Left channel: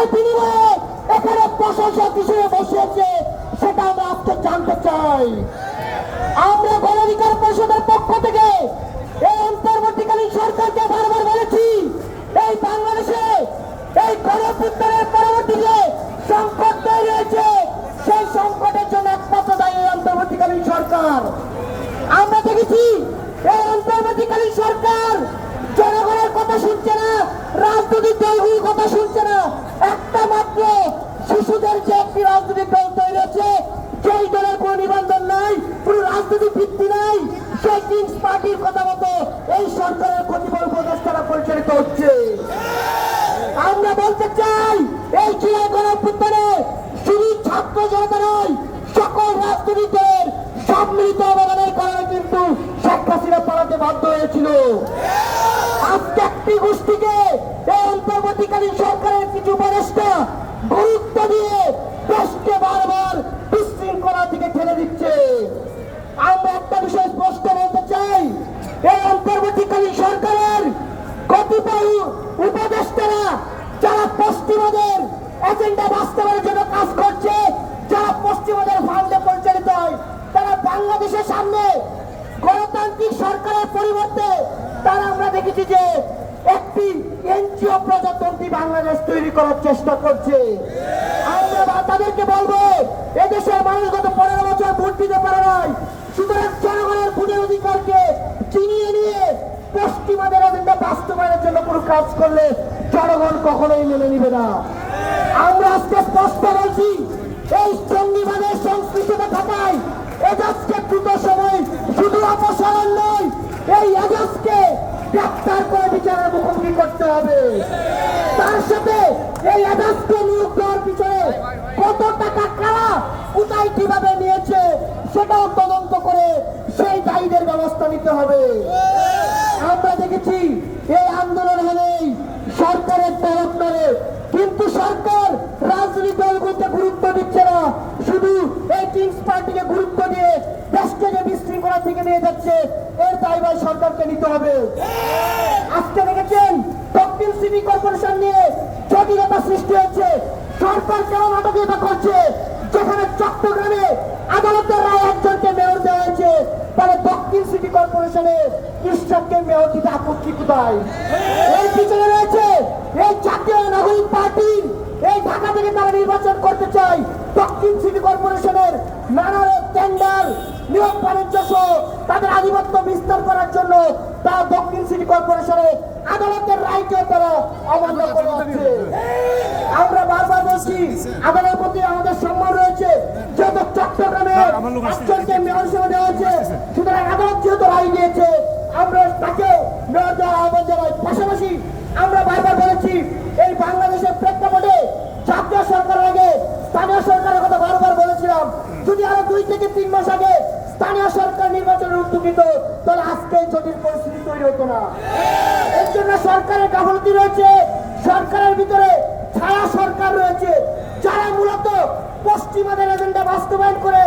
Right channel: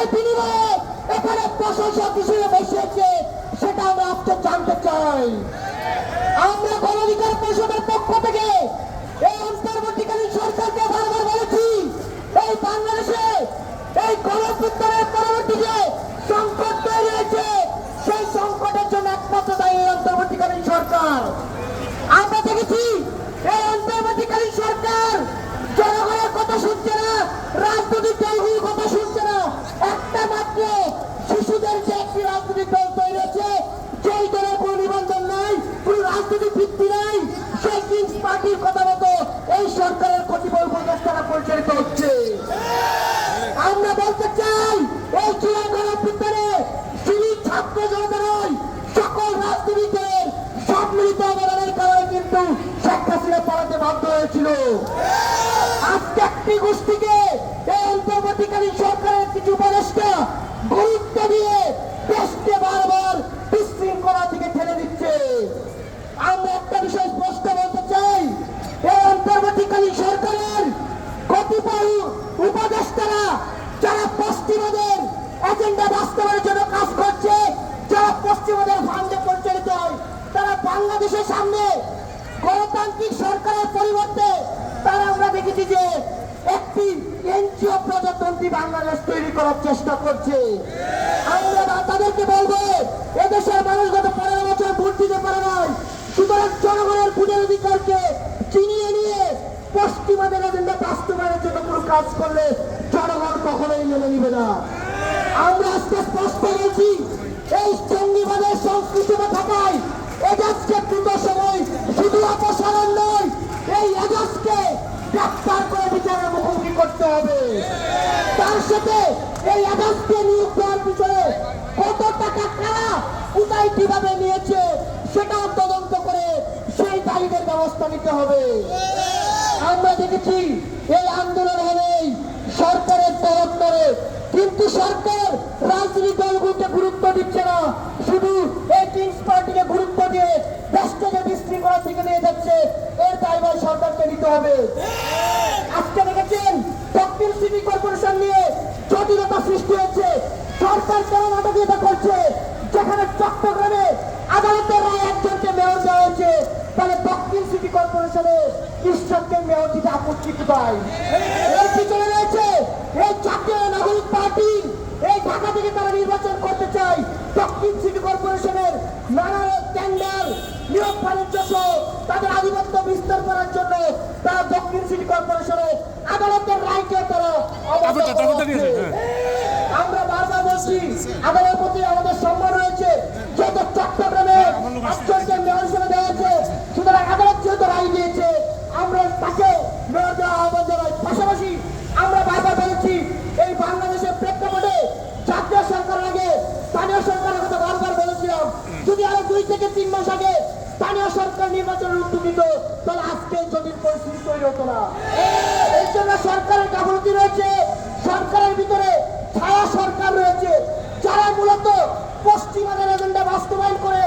টাকায় বিনিময়ে এখানে প্রশাসক হিসেবে বসিয়েছে সেটা আমরা আজকে জানতে চাই। আমরা গণঅধিকার পরিষদের পক্ষ থেকে এই অন্তর্বর্তীকালীন সরকারকে বারবার বলেছি, এই বাংলাদেশে এই গণপুত্তরের পরবর্তী সংকট তৈরি হয়েছে। সেই সংকটের জন্য একমাত্র দায়ী অন্তর্বর্তীকালীন সরকার। আমরা দেখেছি এই অন্তর্বর্তীকালীন সরকার জনগণের কথা শুনছে না রাজনৈতিক দলগুলোর কথা শুনছে একটা মাত্র শিশুদের যে একটি রাজনৈতিক দল তৈরি হয়েছে, যেই দলের কোনো নিবন্ধন নাই, কোনো রাজনৈতিক ভিত্তি নাই, সেই কিংস পার্টির কথা মতো এই সরকারের কতিপয় উপদেষ্টারা পরিচালিত হচ্ছে। আমরা বলতে চাই, এই ক্রিয়া গণপুত্তরে শুধু ছাত্র জনতা নয়, সকল রাজনৈতিক দলের সম্মিলিত অবদানের কারণে কিন্তু শেখ হাসিনা পালাতে বাধ্য হয়েছিল। আজকে একটি গোষ্ঠীকে এই অন্তর্বর্তীকালীন সরকারের কিছু উপদেষ্টা গুরুত্ব দিয়ে দেশকে বারবার বিশৃঙ্খলা থেকে ঠেলে দিচ্ছে। আমরা একটা বিষয় স্পষ্ট বলতে চাই এই অন্তর্বর্তীকালীন সরকারের কতিপয় উপদেষ্টারা যারা পশ্চিমাদের এজেন্ডা বাস্তবায়নের জন্য কাজ করছে, যারা পশ্চিমাদের ফান্ডে পরিচালিত হয় তারা বাংলাদেশের সামনে গণতান্ত্রিক সরকারের পরিবর্তে, তারা আমরা দেখেছি যে একটি এনজিও প্রজাতন্ত্রী বাংলাদেশ তৈরি করার চেষ্টা করছে। আমরা তাদেরকে বলব, এদেশের মানুষ গত পনেরো বছর ভোট দিতে পারে নাই। সুতরাং জনগণের ভোটের অধিকারকে চিনিয়ে নিয়ে পশ্চিমাদের এজেন্ডা বাস্তবায়নের জন্য কোনো কাজ করলে জনগণ কখনোই মেনে নিবে না। আমরা আজকে স্পষ্ট বলছি, এই জঙ্গিবাদের সংস্কৃতিতে থাকায় এজাজকে দ্রুত সময় শুধু অপসারণ মুখোমুখি করতে হবে। তার সাথে এই এজাজকে নিয়োগ দেওয়ার পিছনে কত টাকা কারা কোথায় কীভাবে নিয়েছে সেটাও তদন্ত করে সেই দায়ীদের ব্যবস্থা নিতে হবে। আমরা দেখেছি এই আন্দোলন হলেই সরকারের তরফ ধরে কিন্তু সরকার রাজনৈতিক দলগুলোকে গুরুত্ব দিচ্ছে না। শুধু এই কিংস পার্টিকে গুরুত্ব দিয়ে দেশকে যে বিশৃঙ্খলা থেকে নিয়ে যাচ্ছে, এর দায়ভার সরকারকে নিতে হবে আজকে দেখেছেন দক্ষিণ সিটি কর্পোরেশন নিয়ে জটিলতা সৃষ্টি হয়েছে আদালতের ঢাকা থেকে তারা নির্বাচন করতে চায়। দক্ষিণ সিটি কর্পোরেশনের নানা টেন্ডার নিয়োগ বাণিজ্য তাদের আধিপত্য বিস্তার জন্য তারা দক্ষিণ সিটি কর্পোরেশনের আদালতের রায়কে তারা অবাধ্য করে যাচ্ছে। আমরা বারবার আদালতের প্রতি আমাদের সম্মান রয়েছে। যেহেতু চট্টগ্রামে একজনকে মেয়র হিসেবে দেওয়া হয়েছে সুতরাং আদালত যেহেতু রায় দিয়েছে আমরা তাকে মেয়র দেওয়া আহ্বান জানাই। পাশাপাশি আমরা বারবার বলেছি এই বাংলাদেশের প্রেক্ষাপটে জাতীয় সরকারের আগে স্থানীয় সরকারের কথা বারবার বলেছিলাম। যদি আরও দুই থেকে তিন মাস আগে স্থানীয় সরকার নির্বাচনের উদ্যোগ নিত তাহলে আজকে জটিল পরিস্থিতি তৈরি হতো না। এর জন্য সরকারের গাফলতি রয়েছে। সরকারের ভিতরে ছায়া সরকার রয়েছে যারা মূলত পশ্চিমাদের এজেন্ডা বাস্তবায়ন করে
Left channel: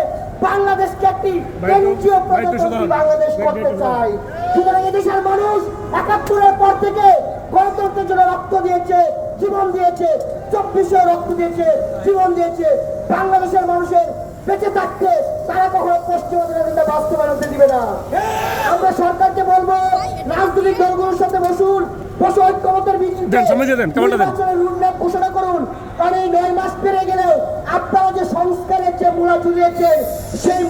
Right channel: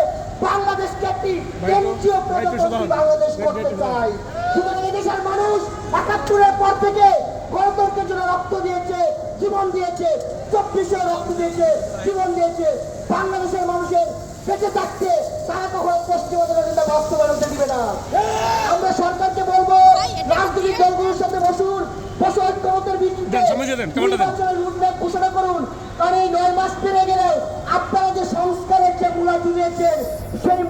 বাংলাদেশকে একটি এনজিও প্রজাতন্ত্রী বাংলাদেশ করতে চায়। সুতরাং এদেশের মানুষ একাত্তরের পর থেকে গণতন্ত্রের জন্য রক্ত দিয়েছে জীবন দিয়েছে চব্বিশে রক্ত দিয়েছে জীবন দিয়েছে। বাংলাদেশের মানুষের বেঁচে থাকতে তারা কখনো পশ্চিমাদের এজেন্ডা বাস্তবায়ন দিবে না। আমরা সরকারকে বলব রাজনৈতিক দলগুলোর সাথে বসুন বসে ঐক্যমতের। নির্বাচনের ঘোষণা করুন। কারণ এই নয় মাস পেরিয়ে গেলেও আপনারা যে সংস্কারের যে মূলা ঝুলিয়েছেন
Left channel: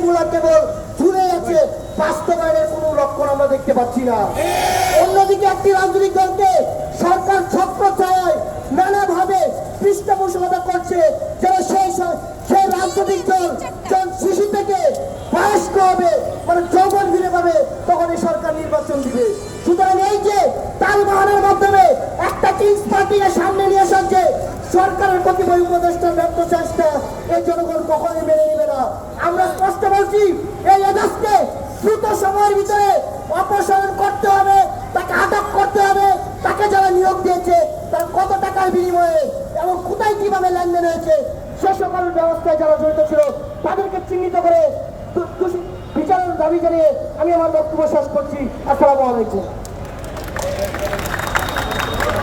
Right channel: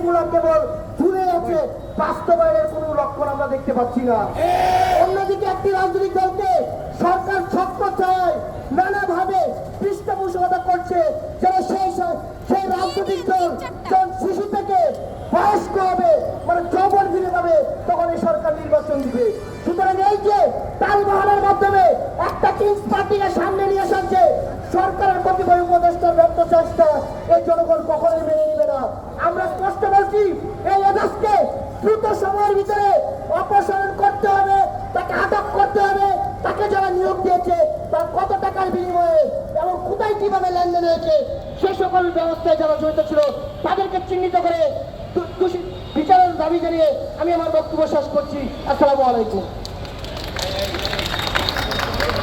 সেই মূলা কেবল ঝুলে আছে বাস্তবায়নের কোনো লক্ষণ আমরা দেখতে পাচ্ছি না। অন্যদিকে একটি রাজনৈতিক দলকে সরকার ছত্র ছায় নানাভাবে পৃষ্ঠপোষকতা করছে যেন সেই সেই রাজনৈতিক দল যখন শিশু থেকে বয়স্ক হবে মানে যৌবন ফিরে পাবে তখন এই সরকার নির্বাচন দিবে। সুতরাং এই যে তাল বাহানোর মাধ্যমে একটা কিংস পার্টিকে ব্যর্থ চেষ্টা এই জনগণ কখনই মেনে না। আমরা স্পষ্ট বলছি, এই দ্রুত সময়ের ভিতরে অপসারণ করতে হবে, তাকে আটক করতে হবে, তাকে যারা নিয়োগ দিয়েছে, তার কত টাকার বিনিময়ে এবং কোথায় কীভাবে লেনদেন হয়েছে, সে সকল ব্যবস্থায় যারা জড়িত ছিল, তাদেরকে চিহ্নিত করে বিচারের দাবি জানিয়ে আমি আমার বক্তব্য শেষ করছি। আসসালামু আলাইকুম।